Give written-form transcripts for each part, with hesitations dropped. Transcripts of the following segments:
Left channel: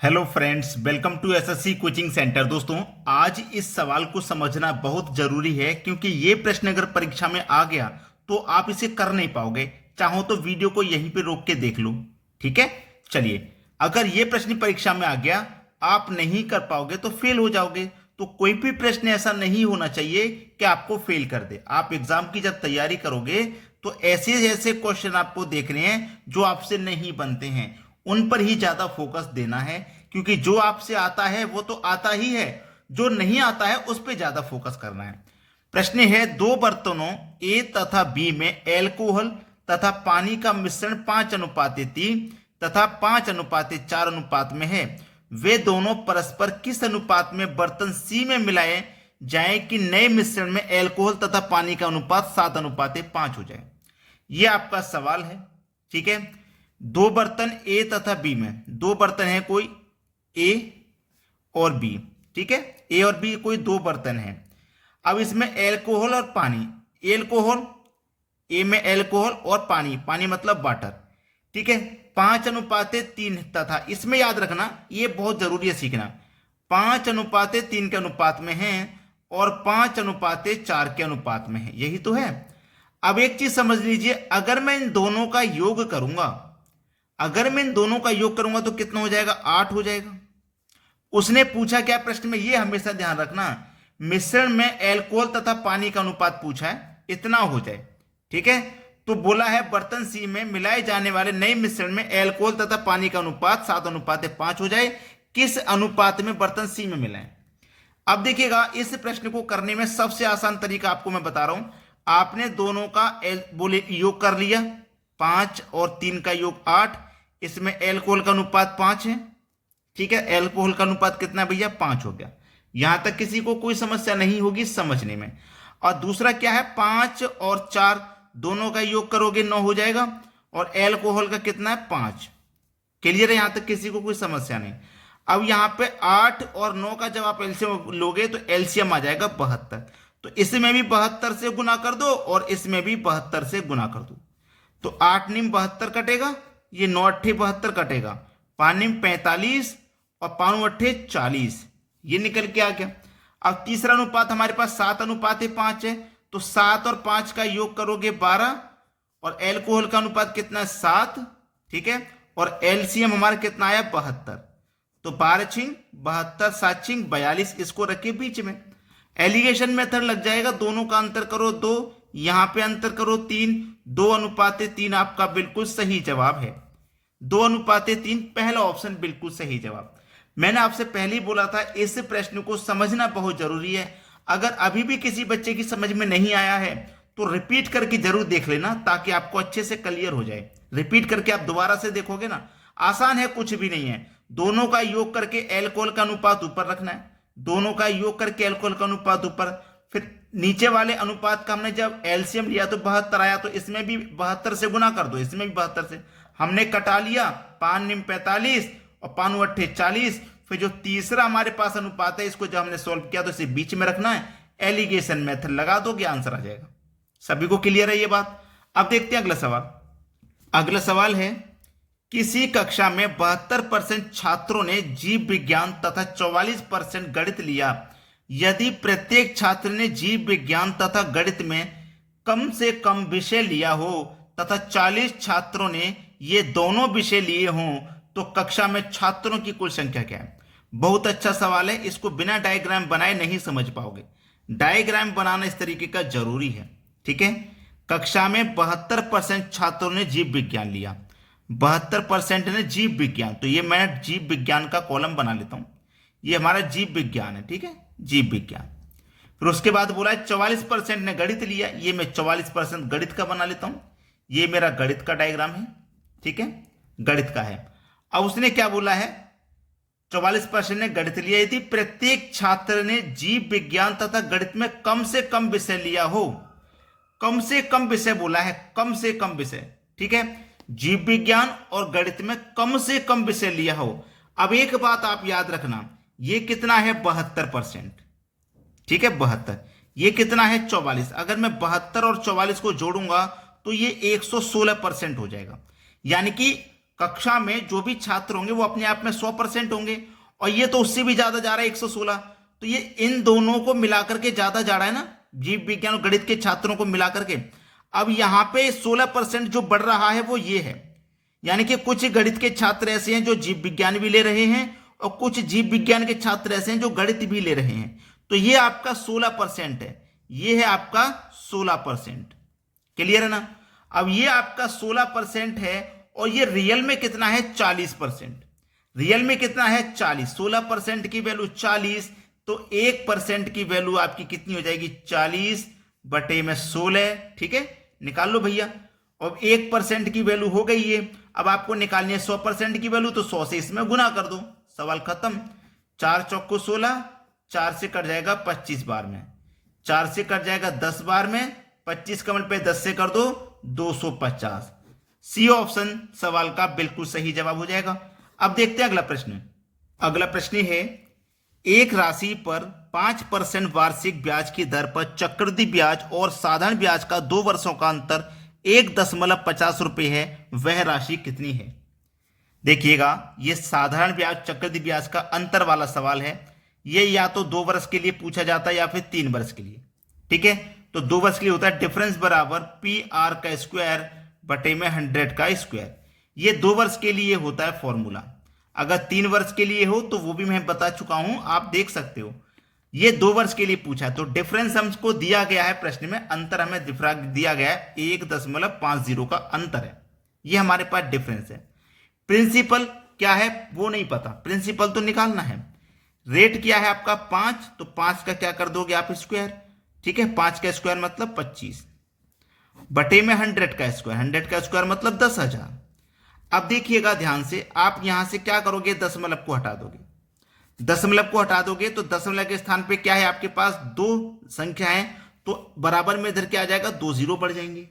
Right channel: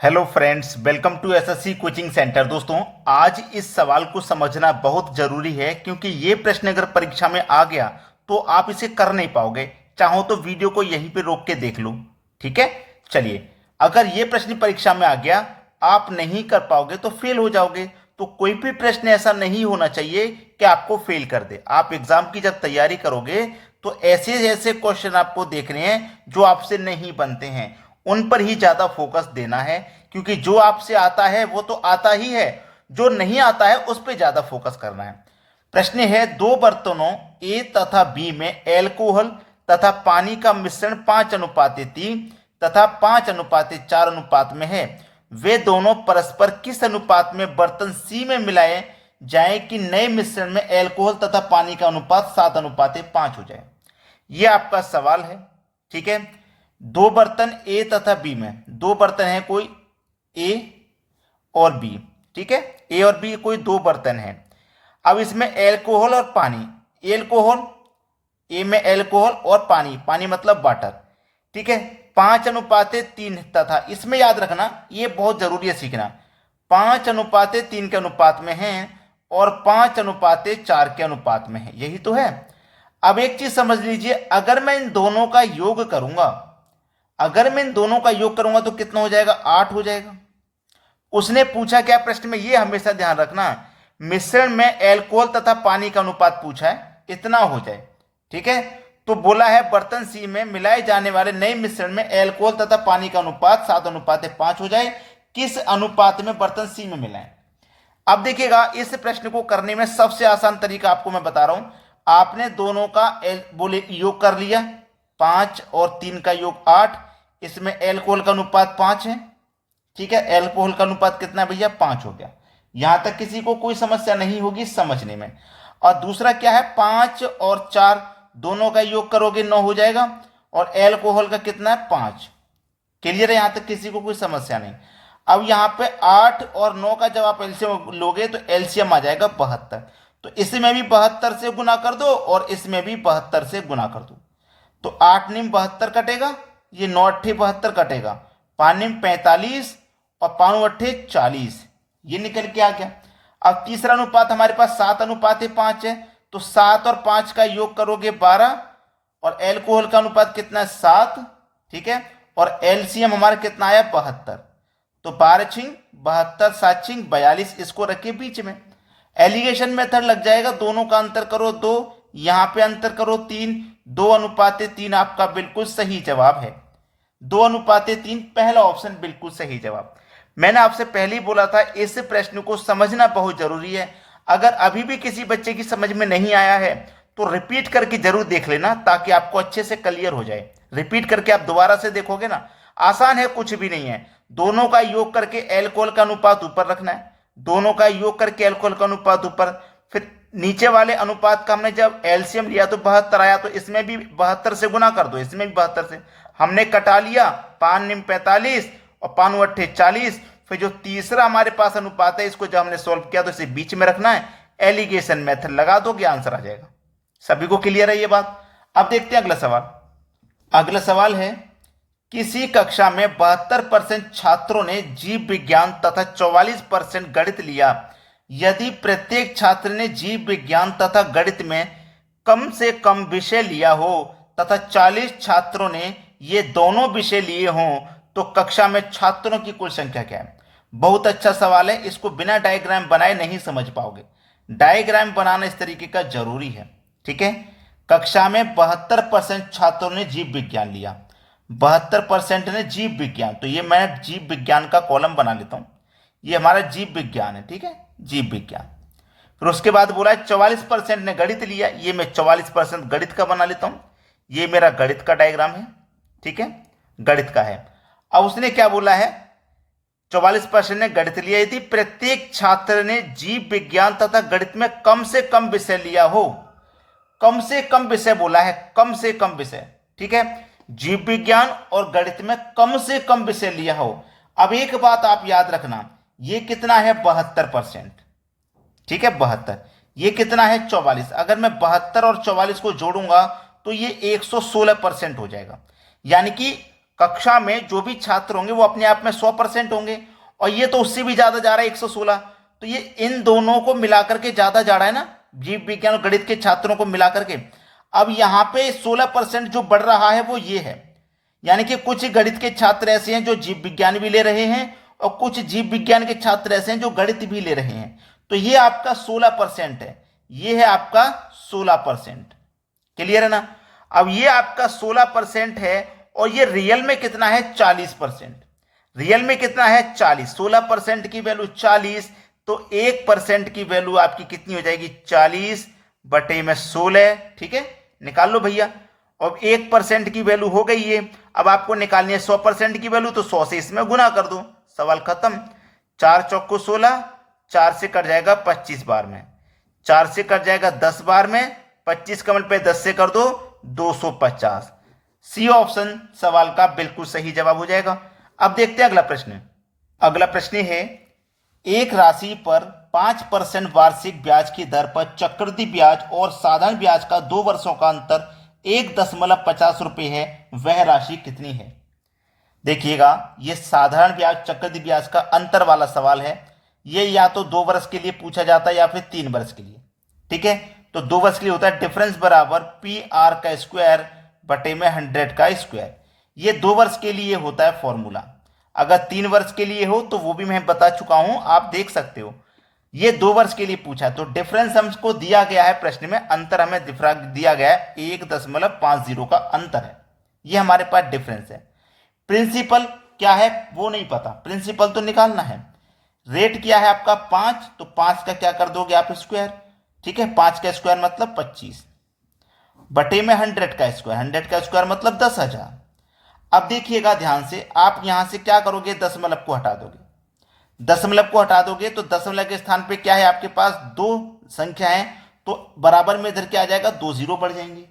Hello friends, welcome to SSC coaching centre. दोस्तों, आज इस सवाल को समझना बहुत जरूरी है क्योंकि ये प्रश्न अगर परीक्षा में आ गया तो आप इसे कर नहीं पाओगे। चाहो तो वीडियो को यहीं पे रोक के देख लो। ठीक है, चलिए। अगर ये प्रश्न परीक्षा में आ गया, आप नहीं कर पाओगे तो फेल हो जाओगे। तो कोई भी प्रश्न ऐसा नहीं होना चाहिए कि आपको फेल कर दे। आप एग्जाम की जब तैयारी करोगे तो ऐसे ऐसे क्वेश्चन आपको देखने हैं जो आपसे नहीं बनते हैं, उन पर ही ज्यादा फोकस देना है। क्योंकि जो आपसे आता है वो तो आता ही है, जो नहीं आता है उस पर ज्यादा फोकस करना है। प्रश्न है, दो बर्तनों ए तथा बी में एल्कोहल तथा पानी का मिश्रण 5:3 तथा 5:4 अनुपात में है। वे दोनों परस्पर किस अनुपात में बर्तन सी में मिलाए जाए कि नए मिश्रण में एल्कोहल तथा पानी का अनुपात 7:5 हो जाए। यह आपका सवाल है। ठीक है, दो बर्तन ए तथा बी में, दो बर्तन है कोई ए और बी। ठीक है, ए और बी कोई दो बर्तन है। अब इसमें एल्कोहल और पानी, एल्कोहल ए में एल्कोहल और पानी, पानी मतलब वाटर। ठीक है, 5:3 तथा इसमें याद रखना, ये बहुत जरूरी है सीखना, 5:3 के अनुपात में है और 5:4 के अनुपात में है। यही तो है। अब एक चीज समझ लीजिए, अगर मैं इन दोनों का योग करूंगा, अगर मैं इन दोनों का योग करूंगा तो कितना हो जाएगा? 8 हो जाएगा। उसने पूछा क्या प्रश्न में, ये हमेशा ध्यान रखना, मिश्रण में एल्कोहल तथा पानी का अनुपात पूछा है, इतना हो जाए। ठीक है, तो बोला है बर्तन सी में मिलाए जाने वाले नए मिश्रण में एल्कोहल तथा पानी का अनुपात 7:5 हो जाए। किस अनुपात में बर्तन सी में मिलाएं? अब देखिएगा, इस प्रश्न को करने में सबसे आसान तरीका आपको मैं बता रहा हूं। आपने दोनों का बोले योग कर लिया, 5 और 3 का योग 8, इसमें एल्कोहल का अनुपात 5 है। ठीक है, एल्कोहल का अनुपात कितना भैया? 5 हो गया। यहां तक किसी को कोई समस्या नहीं होगी समझने में। और दूसरा क्या है, 5 और 4 दोनों का योग करोगे 9 हो जाएगा, और एल्कोहल का कितना है? 5। क्लियर है? यहां तक किसी को कोई समस्या नहीं। अब यहां पे 8 और 9 का जब आप एलसीएम लोगे तो एलसीएम आ जाएगा 72। तो इसमें भी 72 से गुना कर दो और इसमें भी 72 से गुना कर दो। तो 8 नीम 72 कटेगा, ये 9 अट्ठे 72 कटेगा, 5 नीम 45 और 5 अट्ठे 40, ये निकल के आ गया। अब तीसरा अनुपात हमारे पास 7:5 है, तो 7 और 5 का योग करोगे 12, और एल्कोहल का अनुपात कितना है? 7। ठीक है, और एलसीएम हमारा कितना आया? 72। तो 12 छिंग 72, 7 छिंग 42, इसको रखिए बीच में। एलिगेशन मेथड लग जाएगा, दोनों का अंतर करो 2, यहां पे अंतर करो 3, 2:3 आपका बिल्कुल सही जवाब है। 2:3 पहला ऑप्शन बिल्कुल सही जवाब। मैंने आपसे पहले ही बोला था, इस प्रश्न को समझना बहुत जरूरी है। अगर अभी भी किसी बच्चे की समझ में नहीं आया है तो रिपीट करके जरूर देख लेना, ताकि आपको अच्छे से क्लियर हो जाए। रिपीट करके आप दोबारा से देखोगे ना, आसान है, कुछ भी नहीं है। दोनों का योग करके एल्कोहल का अनुपात ऊपर रखना है, दोनों का योग करके एल्कोहल का अनुपात ऊपर, फिर नीचे वाले अनुपात का हमने जब एलसीएम लिया तो 72 आया, तो इसमें भी 72 से गुना कर दो, इसमें भी 72 से। हमने कटा लिया, 5 निम 45 और 5 अट्ठे 40। फिर जो तीसरा हमारे पास अनुपात है, इसको जब हमने सोल्व किया तो इसे बीच में रखना है, एलिगेशन मेथड लगा दोगे, आंसर आ जाएगा। सभी को क्लियर है ये बात? अब देखते हैं अगला सवाल। अगला सवाल है, किसी कक्षा में 72% छात्रों ने जीव विज्ञान तथा 44% गणित लिया। यदि प्रत्येक छात्र ने जीव विज्ञान तथा गणित में कम से कम विषय लिया हो तथा 40 छात्रों ने ये दोनों विषय लिए हों, तो कक्षा में छात्रों की कुल संख्या क्या है? बहुत अच्छा सवाल है, इसको बिना डायग्राम बनाए नहीं समझ पाओगे। डायग्राम बनाना इस तरीके का जरूरी है। ठीक है, कक्षा में 72% छात्रों ने जीव विज्ञान लिया, 72% ने जीव विज्ञान, तो ये मैं जीव विज्ञान का कॉलम बना लेता हूं, ये हमारा जीव विज्ञान है। ठीक है, जीव विज्ञान। फिर उसके बाद बोला है 44% ने गणित लिया, ये मैं 44% गणित का बना लेता हूं, ये मेरा गणित का डायग्राम है। ठीक है, गणित का है। अब उसने क्या बोला है, 44% ने गणित लिया, यदि प्रत्येक छात्र ने जीव विज्ञान तथा गणित में कम से कम विषय लिया हो, कम से कम विषय बोला है, कम से कम विषय। ठीक है, जीव विज्ञान और गणित में कम से कम विषय लिया हो। अब एक बात आप याद रखना, ये कितना है? 72%। ठीक है, 72, ये कितना है? 44। अगर मैं 72 और 44 को जोड़ूंगा तो ये 116% हो जाएगा। यानी कि कक्षा में जो भी छात्र होंगे वो अपने आप में 100% होंगे, और ये तो उससे भी ज्यादा जा रहा है 116। तो ये इन दोनों को मिलाकर के ज्यादा जा रहा है ना, जीव विज्ञान और गणित के छात्रों को मिलाकर के। अब यहाँ पे 16% जो बढ़ रहा है वो ये है, यानी कि कुछ गणित के छात्र ऐसे हैं जो जीव विज्ञान भी ले रहे हैं, और कुछ जीव विज्ञान के छात्र ऐसे हैं जो गणित भी ले रहे हैं। तो ये आपका 16% है, ये है आपका 16%। क्लियर है ना। अब ये आपका 16% है, और ये रियल में कितना है 40%। रियल में कितना है 40। 16% की वैल्यू 40, तो 1% की वैल्यू आपकी कितनी हो जाएगी 40 बटे में 16। ठीक है, निकाल लो भैया। अब 1% की वैल्यू हो गई है। अब आपको निकालनी है 100% की वैल्यू, तो 100 से इसमें गुना कर दो, सवाल खत्म। 4 चौको 16, 4 से कट जाएगा 25 बार में, 4 से कट जाएगा 10 बार में, 25 का मल्टीप्लाई 10 से कर दो 250। सी ऑप्शन सवाल का बिल्कुल सही जवाब हो जाएगा। अब देखते हैं अगला प्रश्न। अगला प्रश्न है, एक राशि पर 5% वार्षिक ब्याज की दर पर चक्रवृद्धि ब्याज और साधारण ब्याज का 2 वर्षों का अंतर 1.50 रुपये है, वह राशि कितनी है। देखिएगा, ये साधारण ब्याज चक्रवृद्धि ब्याज का अंतर वाला सवाल है। ये या तो 2 वर्ष के लिए पूछा जाता है या फिर 3 वर्ष के लिए। ठीक है, तो 2 वर्ष के लिए होता है डिफरेंस बराबर PR का स्क्वायर बटे में 100 का स्क्वायर। ये 2 वर्ष के लिए होता है फॉर्मूला। अगर 3 वर्ष के लिए हो तो वो भी मैं बता चुका हूं, आप देख सकते हो। ये 2 वर्ष के लिए पूछा है, तो डिफरेंस हमको दिया गया है प्रश्न में, अंतर हमें दिया गया है 1.50 का अंतर है, ये हमारे पास डिफरेंस है। प्रिंसिपल क्या है वो नहीं पता, प्रिंसिपल तो निकालना है। रेट क्या है आपका 5, तो 5 का क्या कर दोगे आप स्क्वायर। ठीक है, 5 का स्क्वायर मतलब 25 बटे में 100 का स्क्वायर, 100 का स्क्वायर मतलब 10,000। अब देखिएगा ध्यान से, आप यहां से क्या करोगे, दशमलव को हटा दोगे। दशमलव को हटा दोगे तो दशमलव के स्थान पे क्या है आपके पास 2 संख्या है, तो बराबर में इधर क्या आ जाएगा 2 जीरो बढ़ जाएंगे।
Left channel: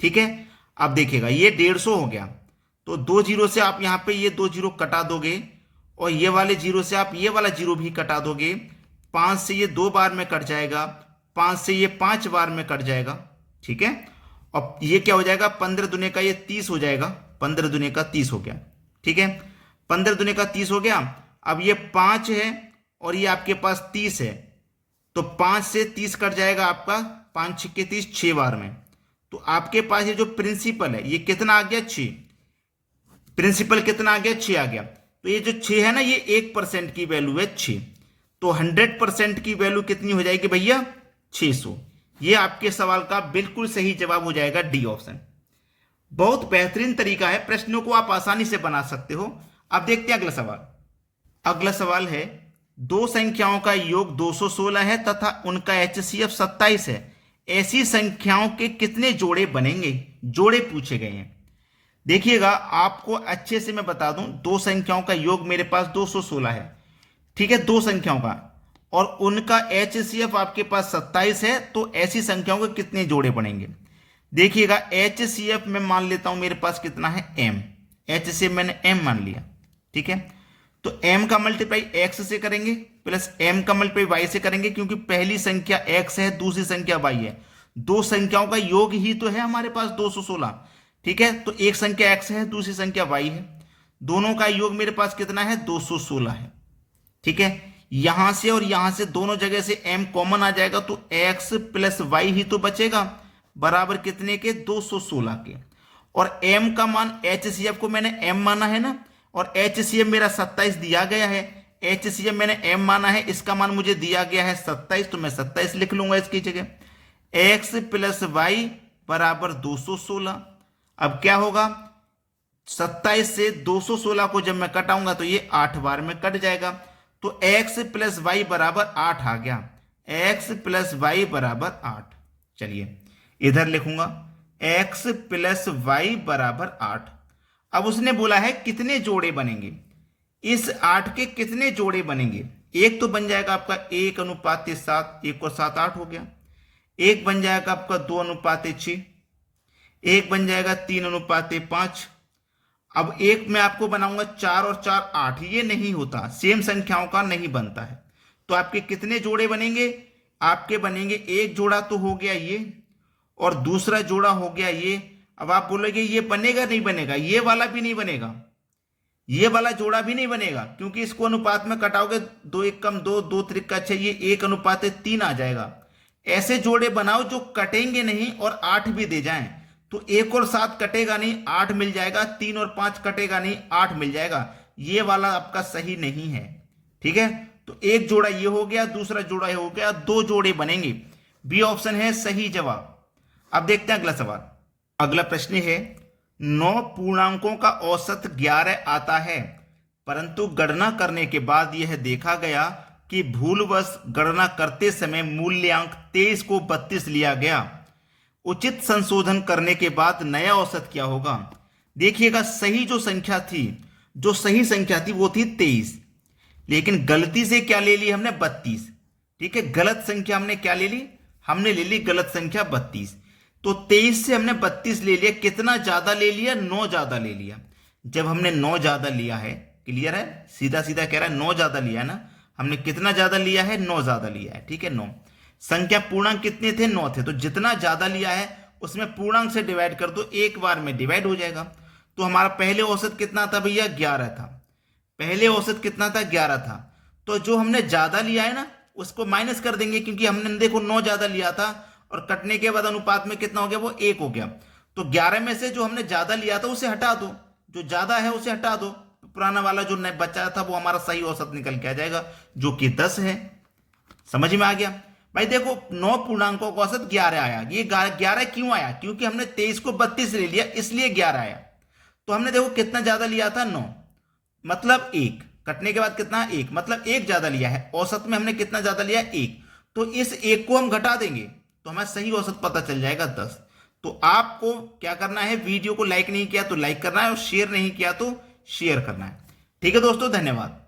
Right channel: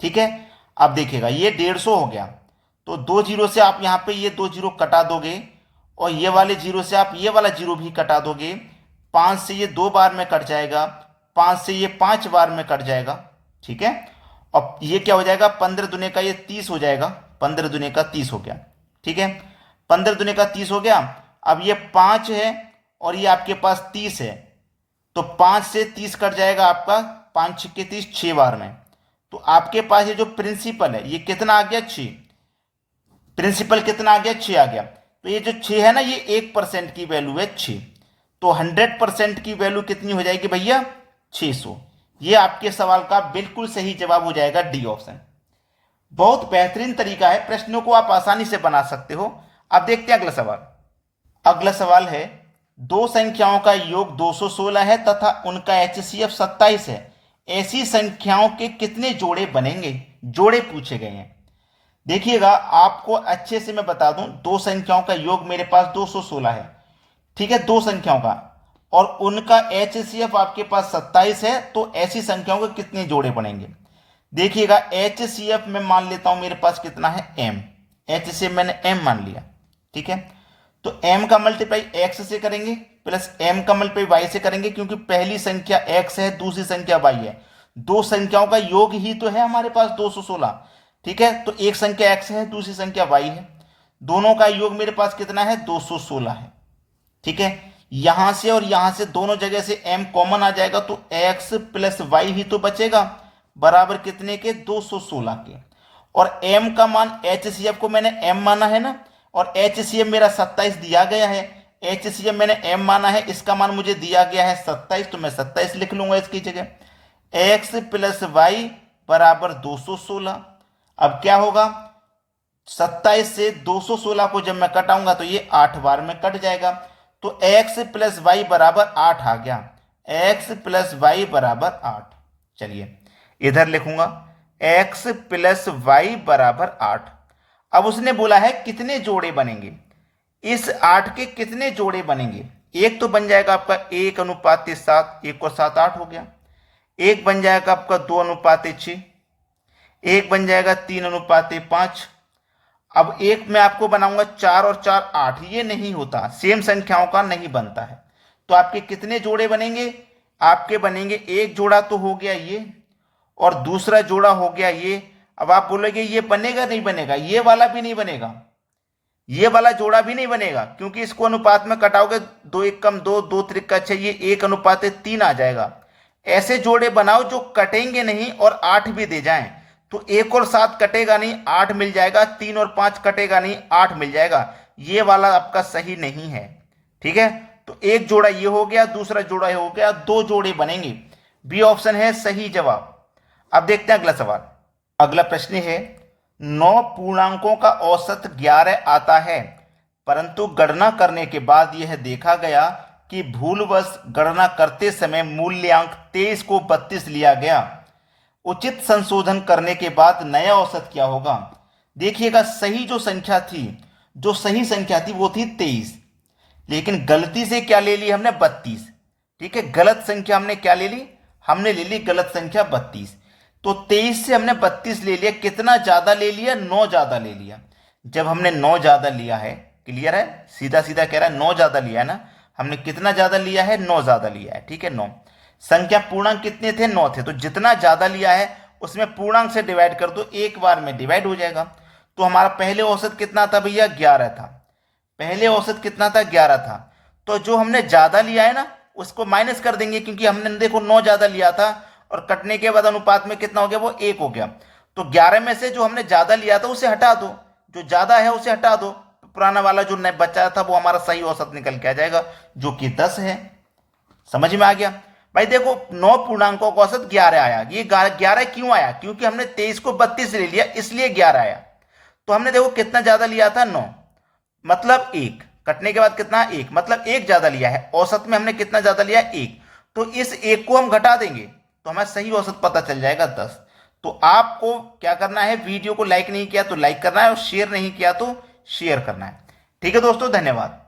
ठीक है, अब देखिएगा ये 150 हो गया, तो 2 जीरो से आप यहां पे ये 2 जीरो कटा दोगे, और ये वाले जीरो से आप ये वाला जीरो भी कटा दोगे। 5 से ये 2 बार में कट जाएगा, 5 से ये 5 बार में कट जाएगा। ठीक है, अब ये क्या हो जाएगा 15 दुने का ये 30 हो जाएगा, 15 दुने का 30 हो गया। ठीक है, 15 दुने का 30 हो गया। अब ये 5 है और ये आपके पास 30 है, तो 5 से 30 कट जाएगा आपका 5 छिक्के 30, 6 बार में। तो आपके पास ये जो प्रिंसिपल है ये कितना आ गया 6। प्रिंसिपल कितना आ गया 6 आ गया। तो ये जो 6 है ना, ये 1% की वैल्यू है 6, तो 100% की वैल्यू कितनी हो जाएगी भैया 600। ये आपके सवाल का बिल्कुल सही जवाब हो जाएगा डी ऑप्शन। बहुत बेहतरीन तरीका है, प्रश्नों को आप आसानी से बना सकते हो। अब देखते हैं अगला सवाल। अगला सवाल है, 2 संख्याओं का योग 216 है तथा उनका HCF 27 है, ऐसी संख्याओं के कितने जोड़े बनेंगे। जोड़े पूछे गए हैं। देखिएगा, आपको अच्छे से मैं बता दूं, 2 संख्याओं का योग मेरे पास 216 है। ठीक है, 2 संख्याओं का, और उनका HCF आपके पास 27 है, तो ऐसी संख्याओं के कितने जोड़े बनेंगे। देखिएगा, HCF में मान लेता हूं मेरे पास कितना है M। HCF मैंने M मान लिया। ठीक है, तो M का मल्टीप्लाई X से करेंगे प्लस M का मल्टीप्लाई Y से करेंगे, क्योंकि पहली संख्या X है, दूसरी संख्या Y है। 2 संख्याओं का योग ही तो है हमारे पास 216। ठीक है, तो एक संख्या X है, दूसरी संख्या Y है, दोनों का योग मेरे पास कितना है 216 है। ठीक है, यहां से और यहां से दोनों जगह से M कॉमन आ जाएगा, तो X प्लस Y ही तो बचेगा, बराबर कितने के 216 के। और M का मान, HCF को मैंने M माना है ना, और HCF मेरा 27 दिया गया है। HCF मैंने M माना है, इसका मान मुझे दिया गया है 27, तो मैं 27 लिख लूंगा इसकी जगह। X प्लस Y बराबर 216। अब क्या होगा, 27 से 216 को जब मैं कटाऊंगा तो ये 8 बार में कट जाएगा, तो x प्लस वाई बराबर 8 आ गया। x प्लस वाई बराबर 8। चलिए इधर लिखूंगा x प्लस वाई बराबर 8। अब उसने बोला है कितने जोड़े बनेंगे, इस 8 के कितने जोड़े बनेंगे। एक तो बन जाएगा आपका 1:7, 1 और 7 8 हो गया। एक बन जाएगा आपका 2:6, एक बन जाएगा 3:5। अब एक मैं आपको बनाऊंगा 4 और 4 8, ये नहीं होता, सेम संख्याओं का नहीं बनता है। तो आपके कितने जोड़े बनेंगे, आपके बनेंगे एक जोड़ा तो हो गया ये, और दूसरा जोड़ा हो गया ये। अब आप बोलोगे ये बनेगा नहीं बनेगा, ये वाला भी नहीं बनेगा, ये वाला जोड़ा भी नहीं बनेगा, क्योंकि इसको अनुपात में कटाओगे 2 1 कम 2, 2 3 6, ये 1:3 आ जाएगा। ऐसे जोड़े बनाओ जो कटेंगे नहीं और 8 भी दे जाएं। तो 1 और 7 कटेगा नहीं, 8 मिल जाएगा, 3 और 5 कटेगा नहीं, 8 मिल जाएगा। ये वाला आपका सही नहीं है, ठीक है। तो एक जोड़ा ये हो गया, दूसरा जोड़ा ये हो गया, 2 जोड़े बनेंगे। बी ऑप्शन है सही जवाब। अब देखते हैं अगला सवाल। अगला प्रश्न है 9 पूर्णांकों का औसत 11 आता है, परंतु गणना करने के बाद यह देखा गया कि भूलवश गणना करते समय मूल्यांक 23 को 32 लिया गया। उचित संशोधन करने के बाद नया औसत क्या होगा? देखिएगा, सही जो संख्या थी, जो सही संख्या थी वो थी 23, लेकिन गलती से क्या ले ली हमने? 32। ठीक है, गलत संख्या हमने क्या ले ली? हमने ले ली गलत संख्या 32। तो 23 से हमने 32 ले लिया। कितना ज्यादा ले लिया? 9 ज्यादा ले लिया। जब हमने 9 ज्यादा लिया है, क्लियर है, सीधा सीधा कह रहा है 9 ज्यादा लिया ना, हमने कितना ज्यादा लिया है? 9 ज्यादा लिया है, ठीक है। 9 संख्या पूर्णांक कितने थे? 9 थे। तो जितना ज्यादा लिया है उसमें पूर्णांक से डिवाइड कर दो, एक बार में डिवाइड हो जाएगा। तो हमारा पहले औसत कितना था भैया? 11 था। पहले औसत कितना था? 11 था। तो जो हमने ज्यादा लिया है ना उसको माइनस कर देंगे, क्योंकि हमने देखो 9 ज्यादा लिया था और कटने के बाद अनुपात में कितना हो गया? वो 1 हो गया। तो 11 में से जो हमने ज्यादा लिया था उसे हटा दो, जो ज्यादा है उसे हटा दो, पुराना वाला जो बचा था वो हमारा सही औसत निकल के आ जाएगा, जो कि 10 है। समझ में आ गया भाई? देखो 9 पूर्णांकों का औसत 11 आया। ये 11 क्यों आया? क्योंकि हमने 23 को 32 ले लिया, इसलिए 11 आया। तो हमने देखो कितना ज्यादा लिया था? 9, मतलब 1। कटने के बाद कितना? 1, मतलब 1 ज्यादा लिया है। औसत में हमने कितना ज्यादा लिया? 1। तो इस 1 को हम घटा देंगे तो हमें सही औसत पता चल जाएगा 10। तो आपको क्या करना है? वीडियो को लाइक नहीं किया तो लाइक करना है, और शेयर नहीं किया तो शेयर करना है। ठीक है दोस्तों, धन्यवाद।